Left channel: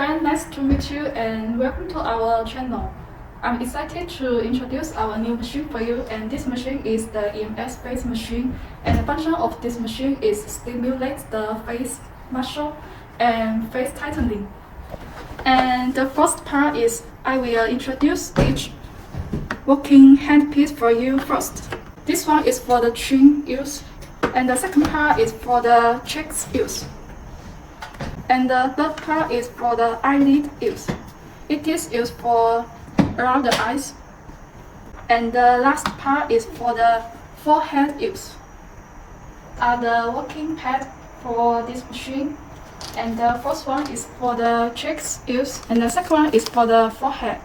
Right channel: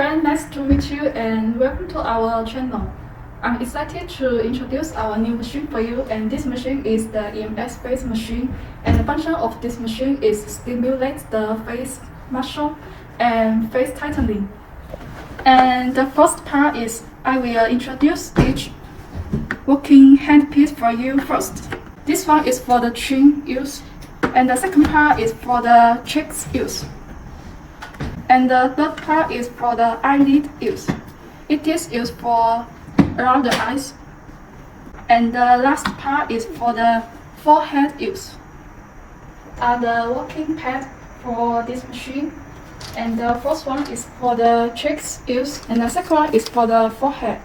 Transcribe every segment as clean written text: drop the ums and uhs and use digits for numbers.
friend, nice to meet you and welcome to our channel. I'm excited to introduce our new machine for you, and this machine is the NS-face machine, and the function of this machine is stimulate the face muscle and face tightening. And the first part is I will introduce each working handpiece for you first. This one is for the chin use, and the second part is for the cheeks use. And the third part is for the eyelid use. It is used for around the eyes. And the last part is for the forehead use. Are the working pad for this machine. And the first one is for the cheeks use, and the second one is for the forehead.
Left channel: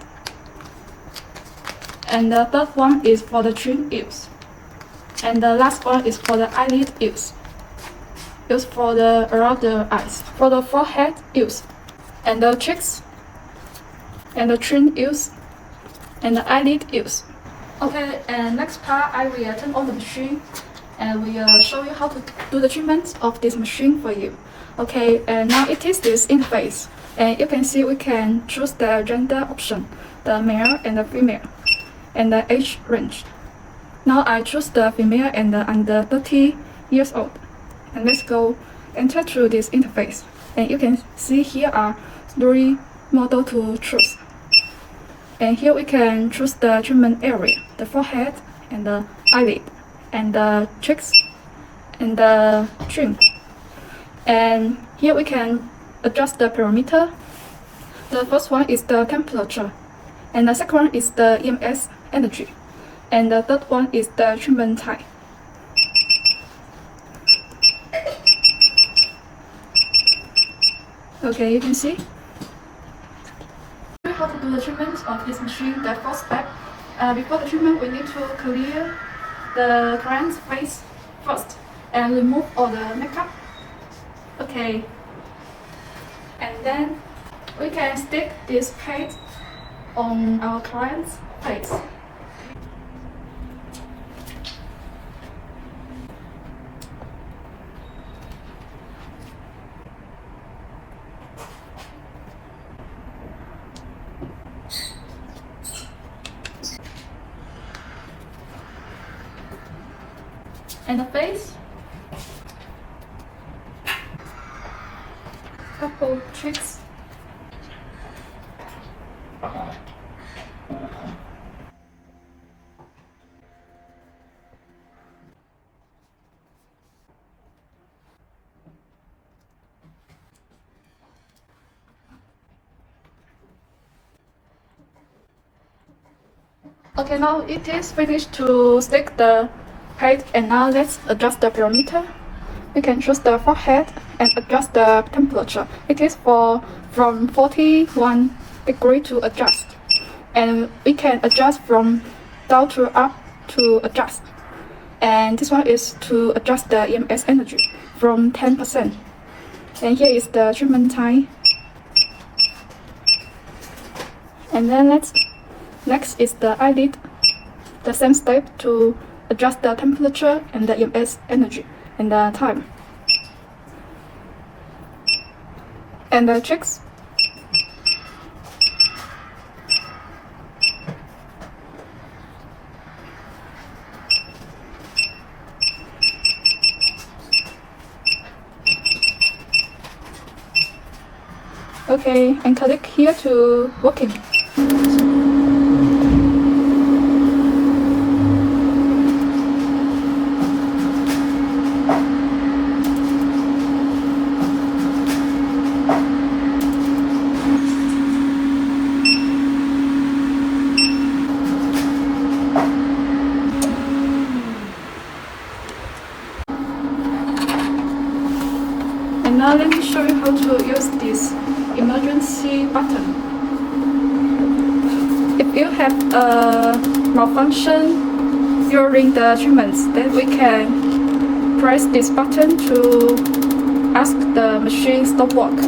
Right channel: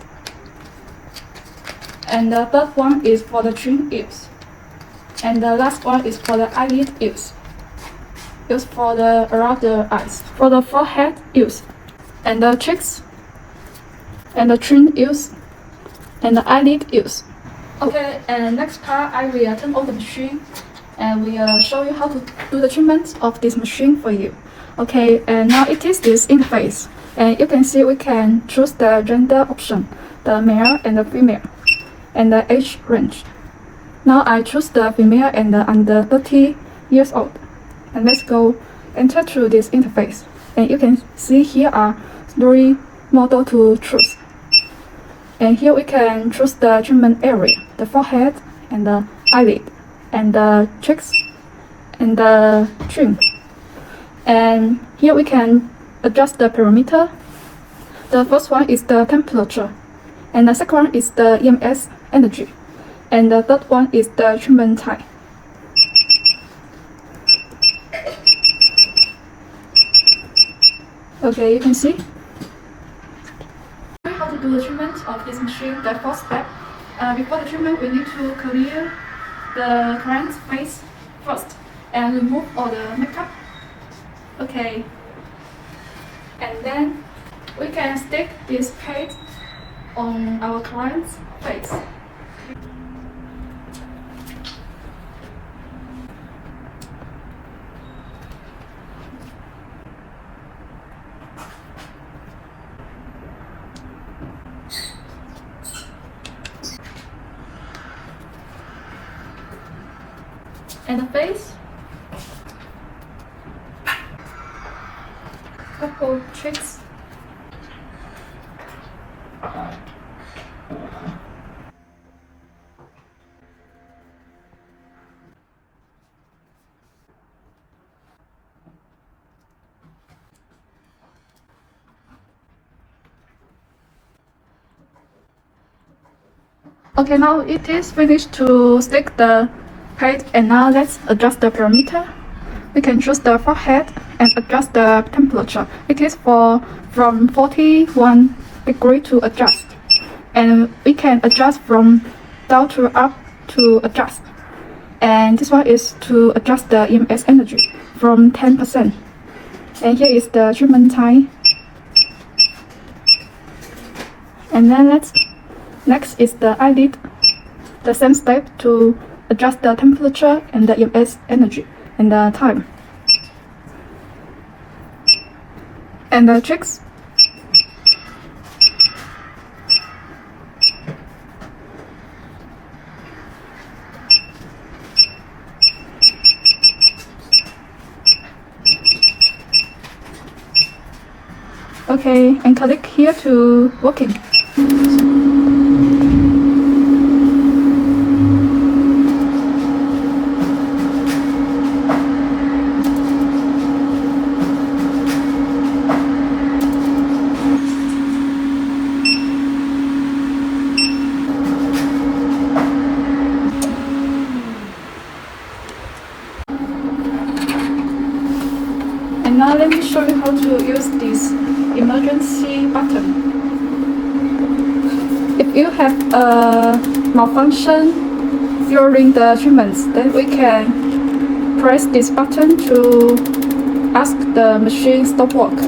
And the third one is for the chin use. And the last one is for the eyelid use. Used for the around the eyes, for the forehead use, and the cheeks, and the chin use, and the eyelid use. Okay, and next part I will turn on the machine, and we will show you how to do the treatment of this machine for you. Okay, and now it is this interface, and you can see we can choose the gender option, the male and the female, and the age range. Now I choose the female and the under 30 years old. And let's go enter through this interface. And you can see here are 3 models to choose. And here we can choose the treatment area, the forehead, and the eyelid, and the cheeks, and the chin. And here we can adjust the parameter. The first one is the temperature, and the second one is the EMS energy, and the third one is the treatment time. Okay, you can see how to do the treatment of this machine. The first step, before the treatment, we need to clear the client's face first and remove all the makeup. Okay, and then we can stick this pad on our client's face. And the face, couple cheeks, okay, now it is finished to stick the pad, and now let's adjust the parameter. We can choose the forehead and adjust the temperature. It is from 41 degree to adjust, and we can adjust from down to up to adjust. And this one is to adjust the EMS energy from 10%. And here is the treatment time. And then next is the eyelid. The same step to adjust the temperature and the EMS energy and the time. And the cheeks. Okay, and click here to working. And now let me show you how to use this emergency button. If you have a malfunction during the treatments, then we can press this button to ask the machine stop work.